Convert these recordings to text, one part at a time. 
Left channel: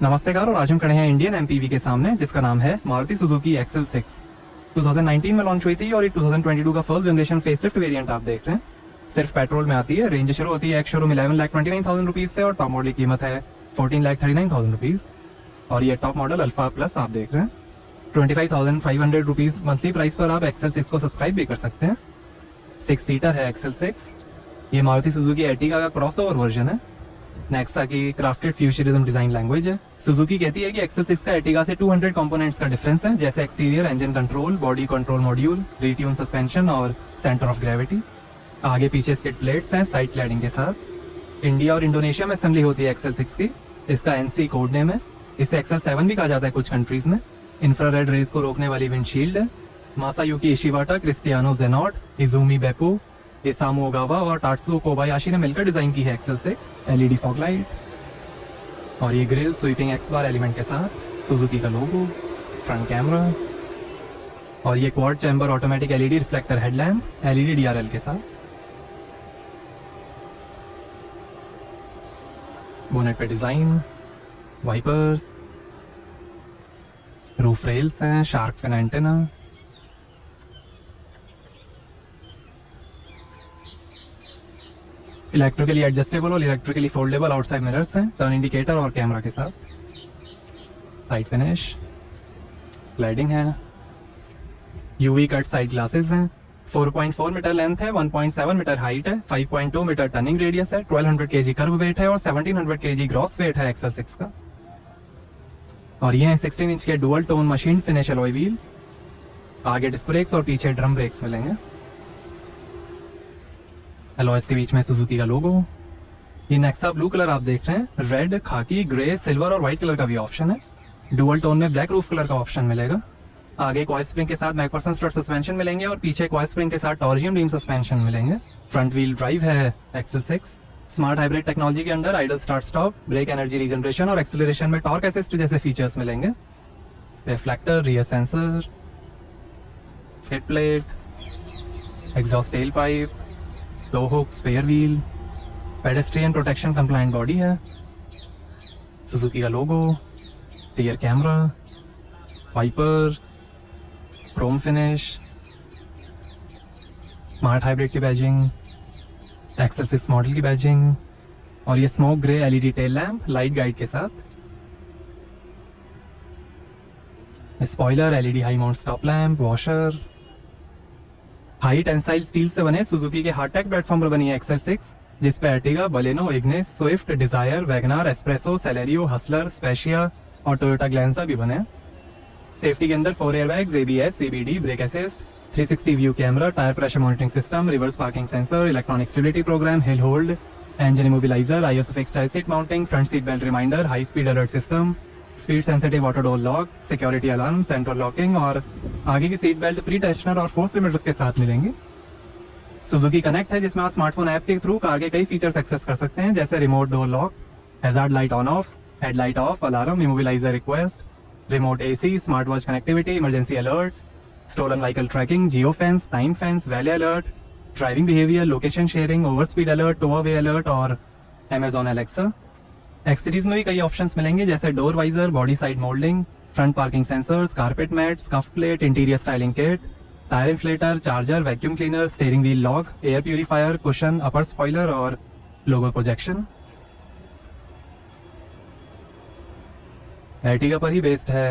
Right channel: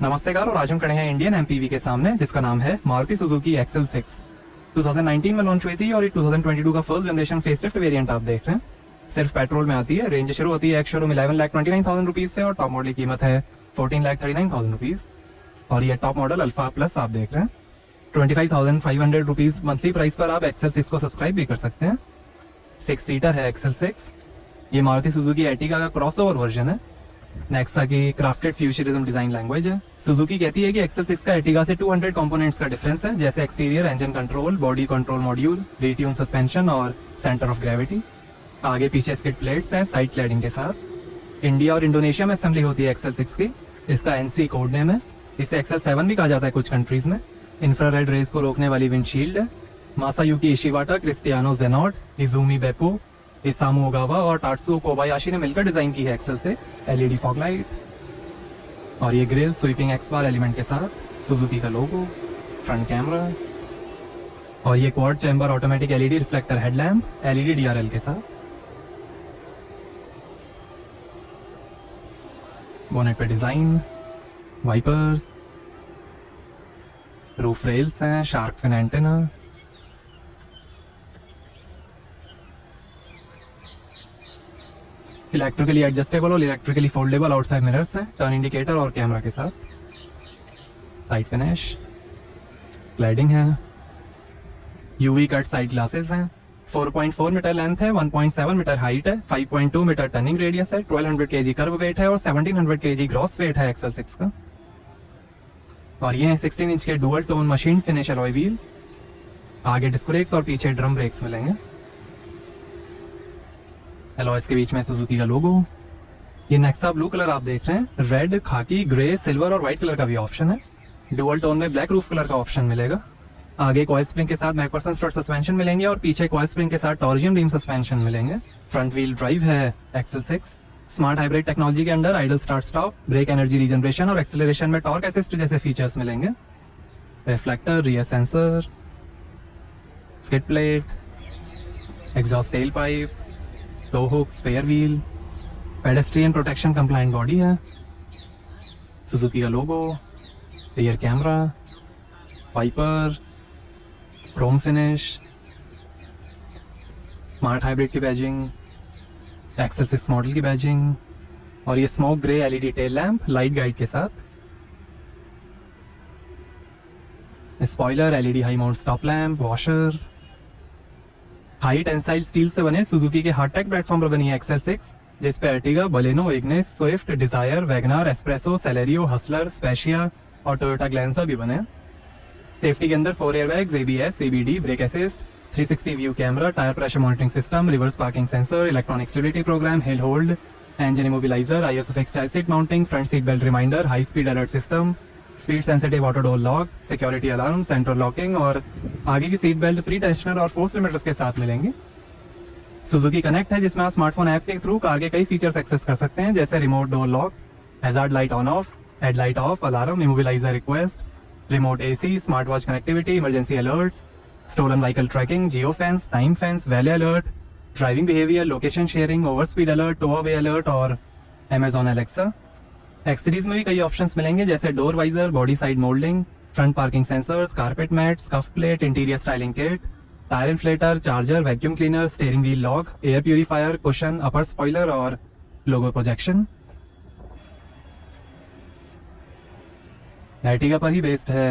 नमस्तेकार और आज हम खड़े हैं इंडियन एमपीवी के सामने जिसका नाम है मारुति सुजुकी एक्सेल 6। 2019 में लॉन्च हुई थी और 2022 का फर्स्ट जनरेशन फेसलिफ्ट वेरिएंट आप देख रहे हैं। सिर्फ पेट्रोल में आती है। रेंज शुरू होती है एक शोरूम 11,29,000 रुपीज से और टॉप मॉडल की कीमत है 14,39,000 रुपीज। और ये टॉप मॉडल अल्फा प्लस आप देख रहे हैं। 25,500 रुपीज मंथली प्राइस पर आप एक्सेल 6 को सब्सक्राइब भी कर सकते हैं। 6 सीटर है एक्सेल 6। ये मारुति सुजुकी एर्टिगा का क्रॉसओवर वर्जन है। नेक्सा की क्राफ्टेड फ्यूचरिज्म डिजाइन लैंग्वेज है। सुजुकी कहती है कि एक्सेल 6 का एर्टिगा से 200 कंपोनेंट्स का डिफरेंस है, जैसे exterior engine control, body control module, retune suspension और सेंटर ऑफ ग्रेविटी। आगे पीछे स्किड प्लेट्स हैं साइड क्लैडिंग के साथ। इंडिया और इंडोनेशिया में असेंबली होती है एक्सेल 6 की। इसका एनसी कोड नेम है। इसे एक्सेल 7 भी कहा जाता है कुछ कंट्रीज में। इंफ्रारेड रेज को रोकने वाली विंडशील्ड है। मासायुकी इशिवाटा, क्रिस्टियानो जेनॉट, इजुमी बेपो, इसामु ओगावा और टाट्सुओ कोबायाशी ने मिलकर डिजाइन की है एक्सेल से। एलईडी फॉग लाइट और ये grille sweeping X bar element के साथ, सुजुकी का लोगो, फ्रंट कैमरा और ये quad chamber automatic LED reflector headlamp LED DRL के साथ। बोनेट पे डिजाइन, वाइपर्स, रूफ रेल्स हैं, shark fin antenna, electrically adjustable और इलेक्ट्रिकली फोल्डेबल आउटसाइड मिरर्स हैं, टर्न इंडिकेटर और कैमरा के साथ। साइड फिनिश, क्लैडिंग है, यूवी कट साइड ग्लासेस हैं। 4.4 मीटर लेंथ है, 1.7 मीटर हाइट है, 5.2 मीटर टर्निंग रेडियस है, 1200 kg कर्व वेट है और 1700 kg ग्रॉस वेट है एक्सेल 6 का। और ये है 16 इंच के dual tone machine finish alloy wheel. आगे डिस्क ब्रेक्स और पीछे ड्रम ब्रेक्स मिलेंगे। अलॉयज के बीच में सुजुकी का लोगो। ये नेक्सा ब्लू कलर आप देख रहे हैं। रेड, खाकी, ग्रे, सिल्वर और व्हाइट कलर का भी ऑप्शन है। डुअल टोन में ब्लैक रूफ कलर का ऑप्शन मिलेगा। आगे कॉइल स्प्रिंग के साथ मैकफरसन स्ट्रट सस्पेंशन मिलेंगे और पीछे कॉइल स्प्रिंग के साथ टॉर्जियन बीम सस्पेंशन मिलेंगे। फ्रंट व्हील ड्राइव है एक्सेल 6। स्मार्ट हाइब्रिड टेक्नोलॉजी के under idle start stop, brake energy regeneration और एक्सेलरेशन में टॉर्क असिस्ट जैसे फीचर्स मिलेंगे। Reflector, rear sensor, skid plate, exhaust tail pipe, 2 hook, spare wheel, pedestrian protection compliant body है, Suzuki का logo, rear camera, wiper, chrome finish, smart hybrid की badging, XL 6 model की badging और ये smoke grey LED tail lamp light guide के साथ। Spoiler, LED high mount stop lamp, washer. High tensile steel से बने सुजुकी के हार्टेक प्लेटफॉर्म पर बनी है एक्सेल 6, जिस पे Ertiga, Baleno, Ignis, Swift, Dzire, WagonR, S Presso, Celerio, Hustler, Spacia और टोयोटा ग्लैंजा भी बने। सेफ्टी के अंदर 4 airbags, ABS, CBD, brake assist, 360 view camera, tyre pressure monitoring system, reverse parking sensor, electronic stability program, hill hold, engine immobiliser, ISO fix child seat mounting, front seat belt reminder, high speed alert system, speed sensitive auto door lock, security alarm, central locking और आगे की seat belt pre tensioner और force limiters के साथ मिलेंगे। Suzuki connect है जिसमें आप स्मार्टफोन ऐप के थ्रू कार के कई फीचर्स एक्सेस कर सकते हैं, जैसे remote door lock, hazard light on off, headlight off, alarm, immobiliser request, remote AC, smart watch connectivity, emergency alerts, stolen vehicle tracking, geo fence, time fence, valet alert, driving behaviour, location sharing, over speed alert, tow away alert और Amazon Alexa. Accessories में भी कई options मिलेंगे, जैसे door visor, body side moulding, front parking sensors, carpet mat, scuff plate, interior styling kit, tyre inflator, charger, vacuum cleaner, steering wheel lock, air purifier, cushion, upper spoiler और logo projection. Ertiga पर ही based है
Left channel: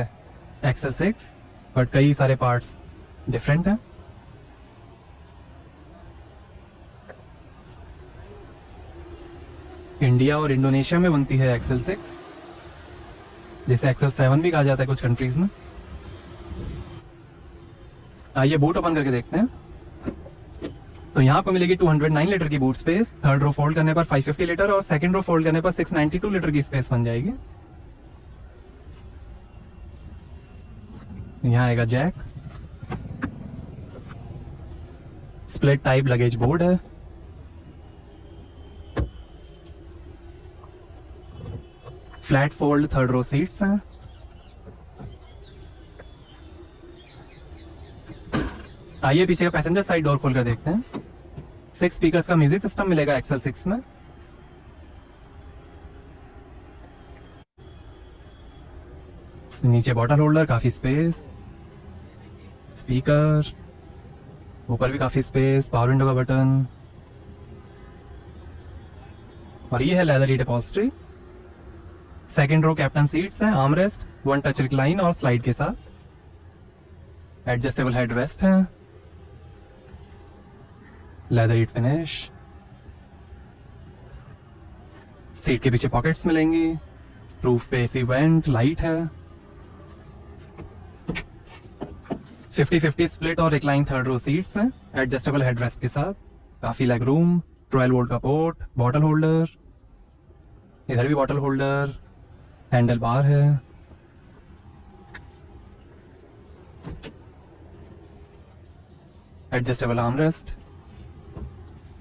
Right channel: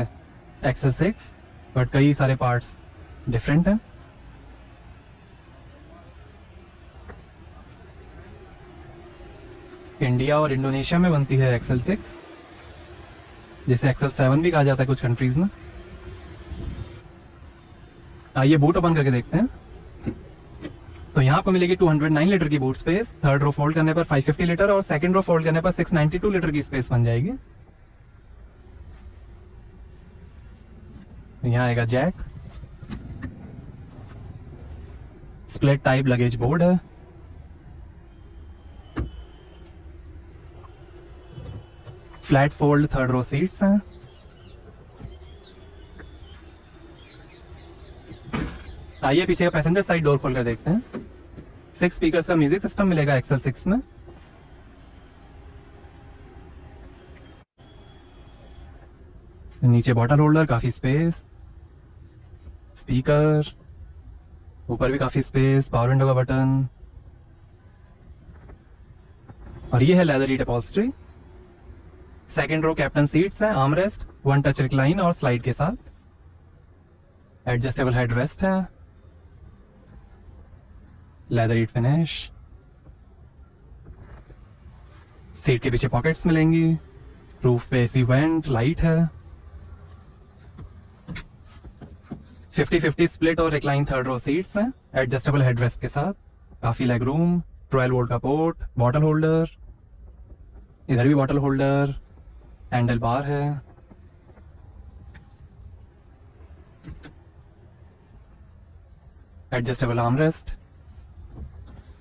XL 6, but कई सारे parts different हैं। India और Indonesia में बनती है एक्सेल 6, जिसे एक्सेल 7 भी कहा जाता है कुछ कंट्रीज में। आइए बूट ओपन करके देखते हैं। तो यहाँ आपको मिलेगी 209 लीटर की boot space. Third row fold करने पर 550 लीटर और सेकंड रो फोल्ड करने पर 692 लीटर की स्पेस बन जाएगी। यहाँ आएगा jack, split type luggage board है, flat fold third row seats हैं, आइए पीछे का पैसेंजर साइड डोर खोल कर देखते हैं। 6 स्पीकर्स का म्यूजिक सिस्टम मिलेगा एक्सेल 6 में। नीचे बॉटल होल्डर, काफी स्पेस, स्पीकर, ऊपर भी काफी स्पेस, पावर विंडो का बटन, और ये है leather seat upholstery. Second row captain seats है, arm rest, one touch recline और स्लाइड के साथ, एडजस्टेबल हेड रेस्ट है, लेदर सीट फिनिश, सीट के पीछे पॉकेट्स मिलेंगी, रूफ पे एसी वेंट, लाइट है, 50-50 स्प्लिट और रिक्लाइन थर्ड रो सीट्स हैं, एडजस्टेबल हेडरेस्ट के साथ, काफी लेग रूम, 12 वोल्ट का पोर्ट, बॉटल होल्डर, इधर भी बॉटल होल्डर, हैंडल बार है, एडजस्टेबल आर्मरेस्ट,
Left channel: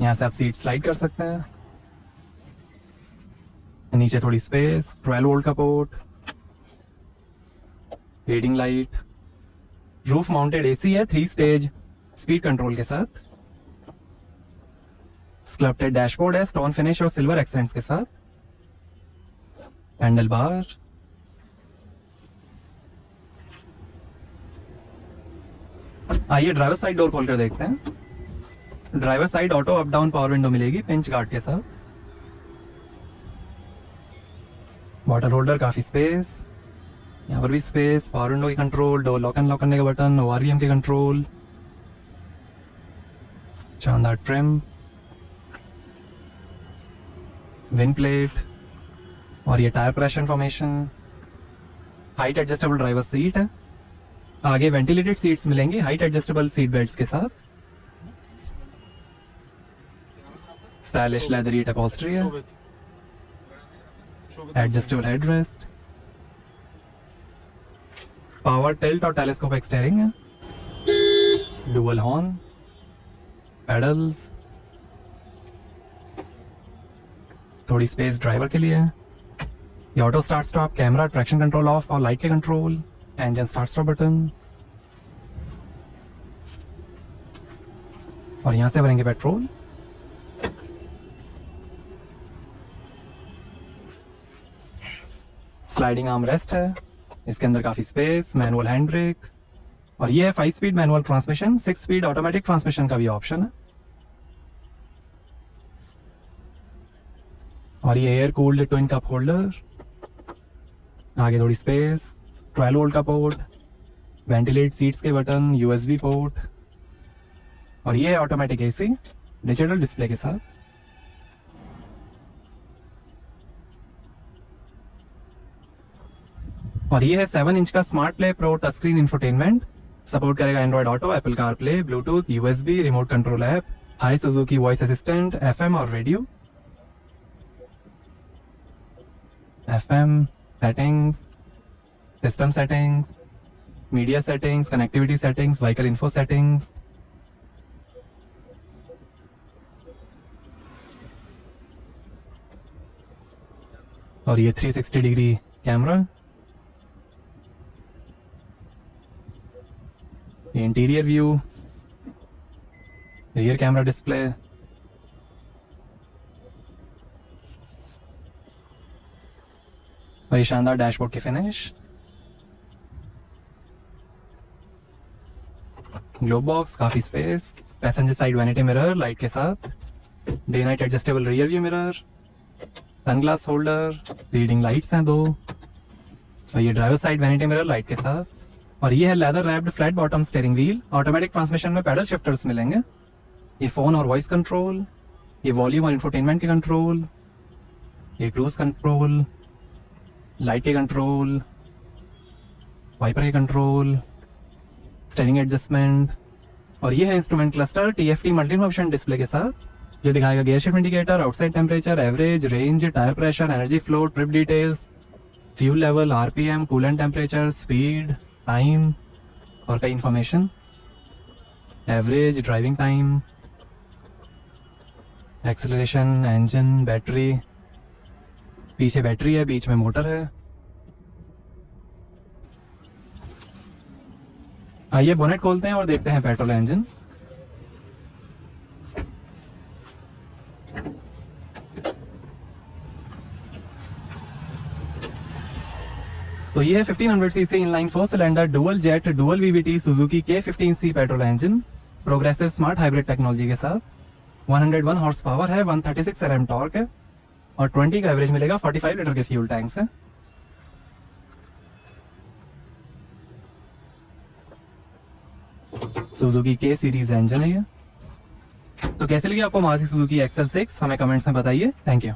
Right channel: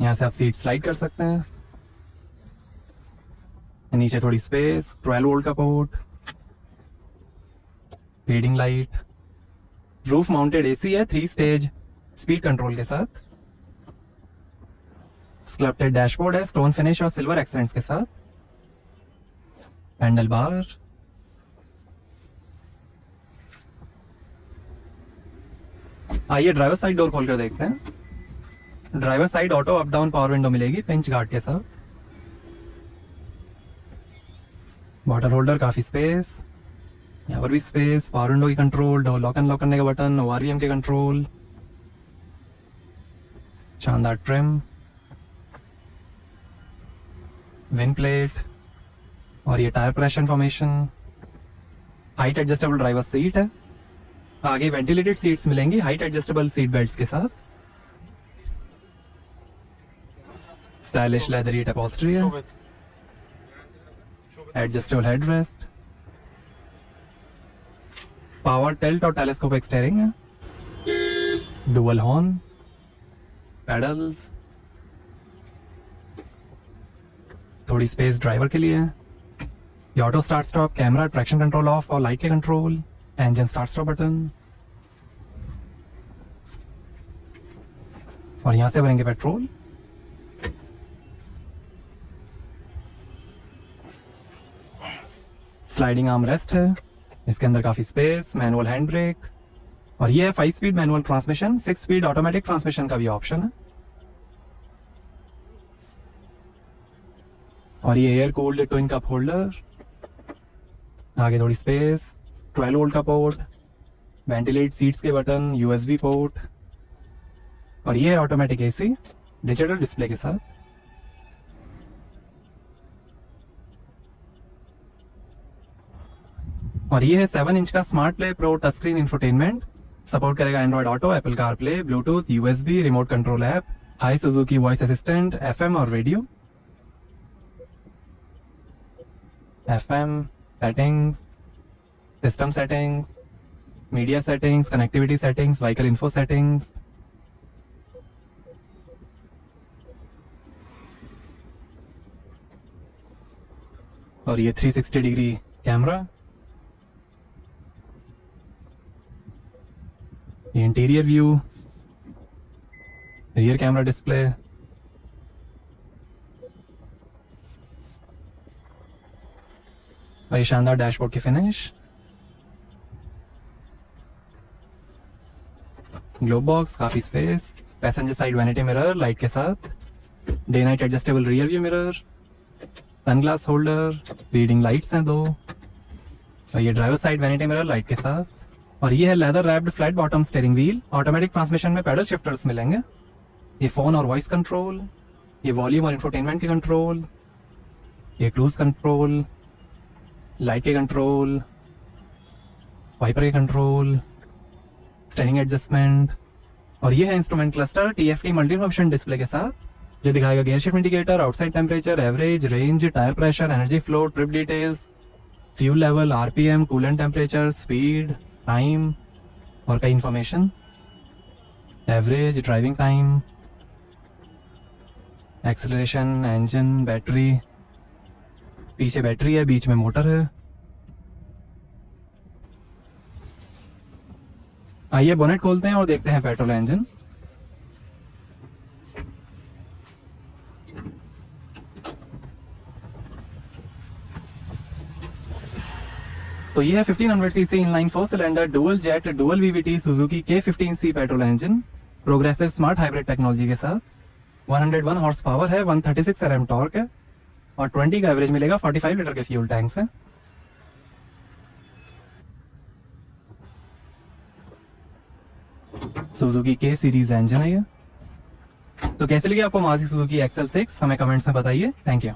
यहां से आप सीट स्लाइड कर सकते हैं, नीचे थोड़ी स्पेस, 12 वोल्ट का port, reading light, roof mounted AC है 3 स्टेज स्पीड कंट्रोल के साथ, स्कल्प्टेड डैशबोर्ड है स्टोन फिनिश और सिल्वर एक्सेंट्स के साथ, हैंडल बार, आइए ड्राइवर साइड डोर खोलकर देखते हैं। Driver side auto up down power window मिलेगी पिंच गार्ड के साथ, बॉटल होल्डर, काफी स्पेस, यहाँ पर भी स्पेस, पावर विंडो की कंट्रोल, डोर लॉक अनलॉक करने के बटन, ओआरवीएम के कंट्रोल, शानदार ट्रिम, विंड प्लेट, और ये tyre pressure information, height adjustable driver seat है, आगे वेंटिलेटेड सीट्स मिलेंगी हाइट एडजस्टेबल सीट बेल्ट्स के साथ, स्टाइलिश लेदर सीट अपॉल्स्ट्री है, एडजस्टेबल हेडरेस्ट, पावर टिल्ट और टेलीस्कोपिक स्टीयरिंग है, डुअल हॉर्न, पेडल्स, थोड़ी स्पेस ड्राइवर के लिए, ये auto start stop, camera, traction control of और लाइट के control, engine start stop button, और यहां से भरेंगे पेट्रोल, स्लाइडिंग आर्म रेस्ट है, इसके अंदर काफी स्पेस, मैनुअल हैंड ब्रेक, और ये है 5 speed manual transmission, 6 speed automatic transmission का भी ऑप्शन है, और ये air cooled twin cup holder, आगे थोड़ी स्पेस, 12 वोल्ट का पोर्ट, वेंटिलेट सीट्स के बटन, यूएसबी पोर्ट, और ये है ऑटोमेटिक एसी डिजिटल डिस्प्ले के साथ, और ये है 7 इंच का smart play pro touch screen infotainment, support करेगा Android auto, Apple car play, Bluetooth, USB, remote control app, hi Suzuki voice assistant, FM और radio, FM settings, system settings, media settings, connectivity settings, vehicle info settings, और ये 360 degree camera, ये interior view, rear camera display, और ये शानदार dashboard की finish, glove box, काफी space, passenger side vanity mirror light के साथ, day night adjustable rear view mirror, sunglass holder, reading lights हैं 2, और ये driver side vanity mirror light के साथ, और ये है leather wrapped flat bottom steering wheel, automatic transmission में पैडल शिफ्टर्स मिलेंगे, ये फोन और वॉइस कंट्रोल, ये वॉल्यूम और इंफोटेनमेंट के कंट्रोल, ये क्रूज कंट्रोल, लाइट के कंट्रोल, वाइपर के कंट्रोल, स्टीयरिंग एडजस्टमेंट, और ये है instrument cluster TFT multi function display के साथ, ये दिखाएगा gear shift indicator, outside temperature, average, range, tyre pressure, energy flow, trip details, fuel level, RPM, coolant temperature, speed, time, और कई information, average, driving time, acceleration, engine, battery, पीछे battery है, बीच में motor है। आइए बोनेट खोलते हैं और देखते हैं पेट्रोल इंजन। तो ये है 1500 CC inline 4 cylinder dual jet dual VVT Suzuki K15C petrol engine progressive smart hybrid technology के साथ 101 हॉर्स पावर है, 136 Nm टॉर्क है और 20 का एवरेज मिलेगा 45 लीटर के फ्यूल टैंक से। सुजुकी K सीरीज इंजन है ये। तो कैसे लगी आपको मारुति सुजुकी XL6 हमें कमेंट्स में बताइए। Thank you.